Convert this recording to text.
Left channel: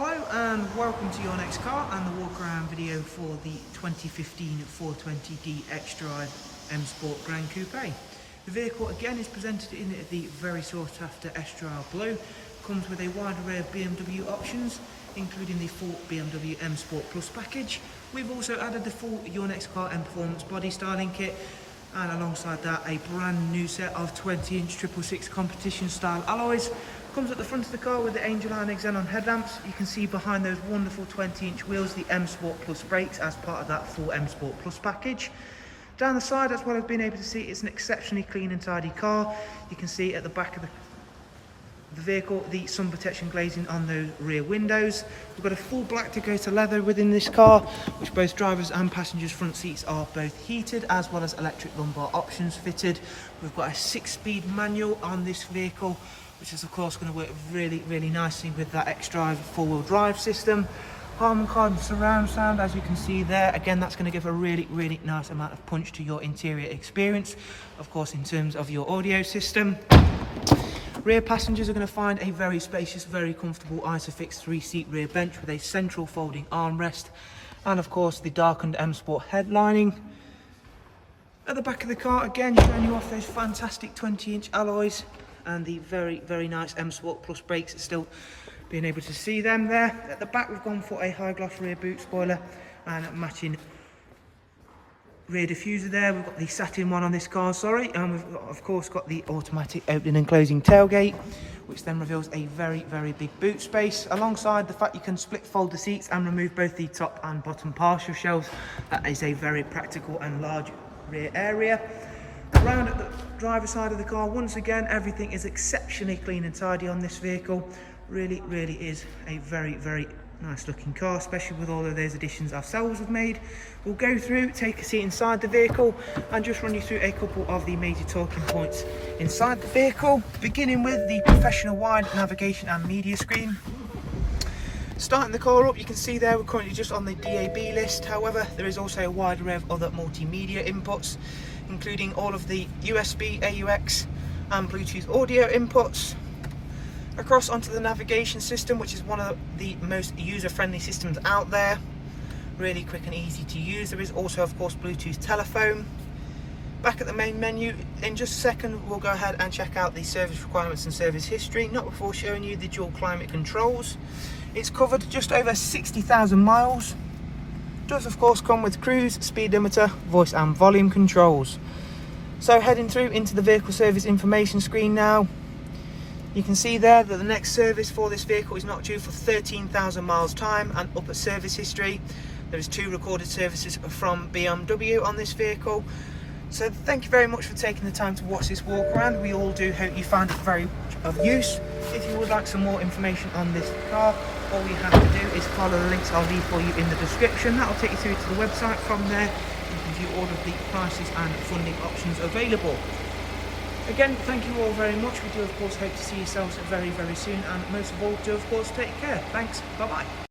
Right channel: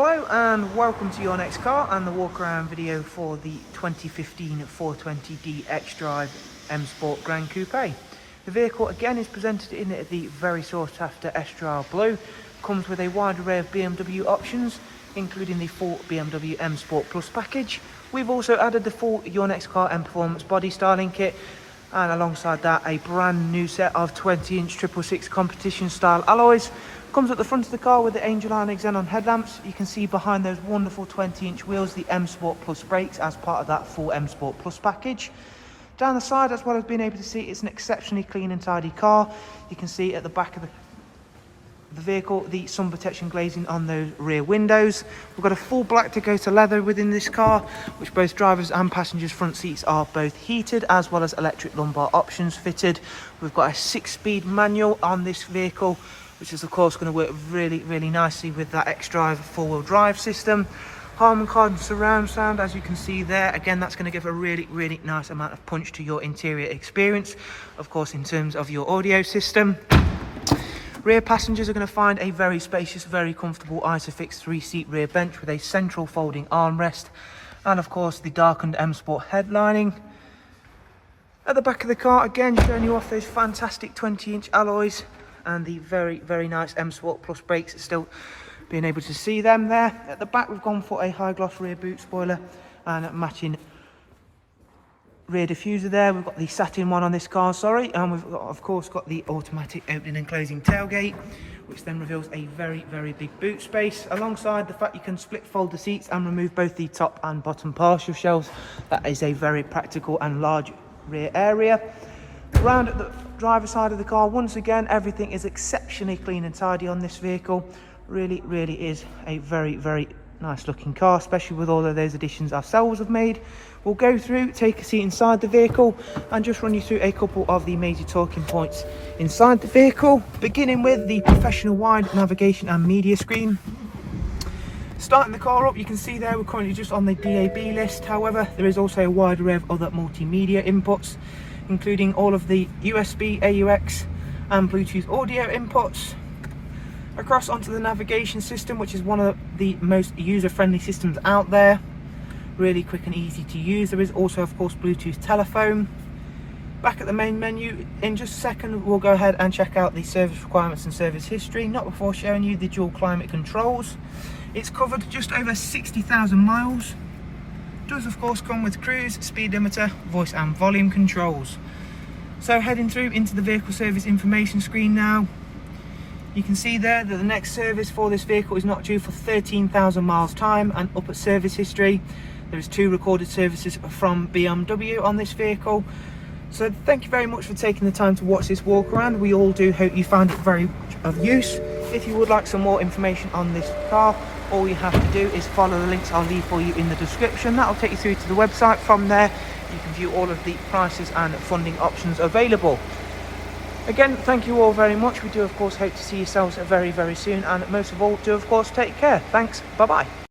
Hello and welcome to your next car and the walk around video for the 2015 420D XDRIVE M Sport GRAN COUPE. The vehicle again is presented in the very sought after XDRIVE blue, comes with a wide array of BMW options including the full BMW M Sport Plus package. We've also added the full Your Next Car Mperformance body styling kit, and alongside that a brand new set of 20-inch 666 competition style alloys. Comes at the front of the car with the Angel Iron xenon headlamps. You can see behind those wonderful 20-inch wheels the M Sport Plus brakes as part of that full M Sport Plus package. Down the side, as well as being able to see, it's an exceptionally clean and tidy car. You can see at the back of the vehicle the sun protection glazing on the rear windows. We've got a full black Dakota leather within this car, which both drivers and passengers front seats are both heated, as well as electric lumbar options fitted. We've got a 6-speed manual on this vehicle, which is of course going to work really nicely with that XDRIVE 4-wheel drive system. Harman Kardon surround sound, as you can see there. Again, that's going to give a really nice amount of punch to your interior experience, of course in terms of your audio system. Rear passengers are going to find a very spacious, very comfortable Isofix 3-seat rear bench with a central folding armrest, and of course the darkened M Sport headlining. At the back of the car, again showing you off those fantastic 20-inch alloys and the very nice M Sport Plus brakes, still being able to see them there. At the back, we've gone for a high gloss rear boot spoiler and matching rear diffuser there. We've got the satin one on this car, and we've got, of course, got the automatic opening and closing tailgate, which then reveals a very big boot space, alongside the fact you can split fold the seats and remove both the top and bottom partial shelves. That is a very practical and large rear area. Around at the driver's side of the car, once again, everything is exceptionally clean and tidy on this vehicle. Really is a very nice looking car, especially with all of those additions ourselves have made. We'll go through, take a seat inside the vehicle, and just run you through a couple of the major talking points inside the vehicle, beginning with the professional wide navigation and media screen. Starting the car up, you can see there we're currently just on the DAB list. However, there is also a wide array of other multimedia inputs, including all of the USB, AUX and Bluetooth audio inputs. Across onto the navigation system, which is one of the most user-friendly systems out there. Really quick and easy to use. There is also, of course, Bluetooth telephone. Back at the main menu, in just a second, we'll go ahead and check out the service requirements and service history, not before showing you the dual climate controls. It's covered just over 60,000 miles. Does, of course, come with cruise, speed limiter, voice and volume controls. So heading through into the vehicle service information screen now. You can see there that the next service for this vehicle is not due for 13,000 miles time, and up at service history there's 2 recorded services from BMW on this vehicle. So thank you very much for taking the time to watch this walk around. We all do hope you found it very much of use. If you would like some more information on this car, all you have to do is follow the links I'll leave for you in the description. That'll take you through to the website. From there you can view all of the prices and funding options available. Again, thank you all very much. We do of course hope to see yourselves very soon, and most of all do of course take care. Thanks, bye bye.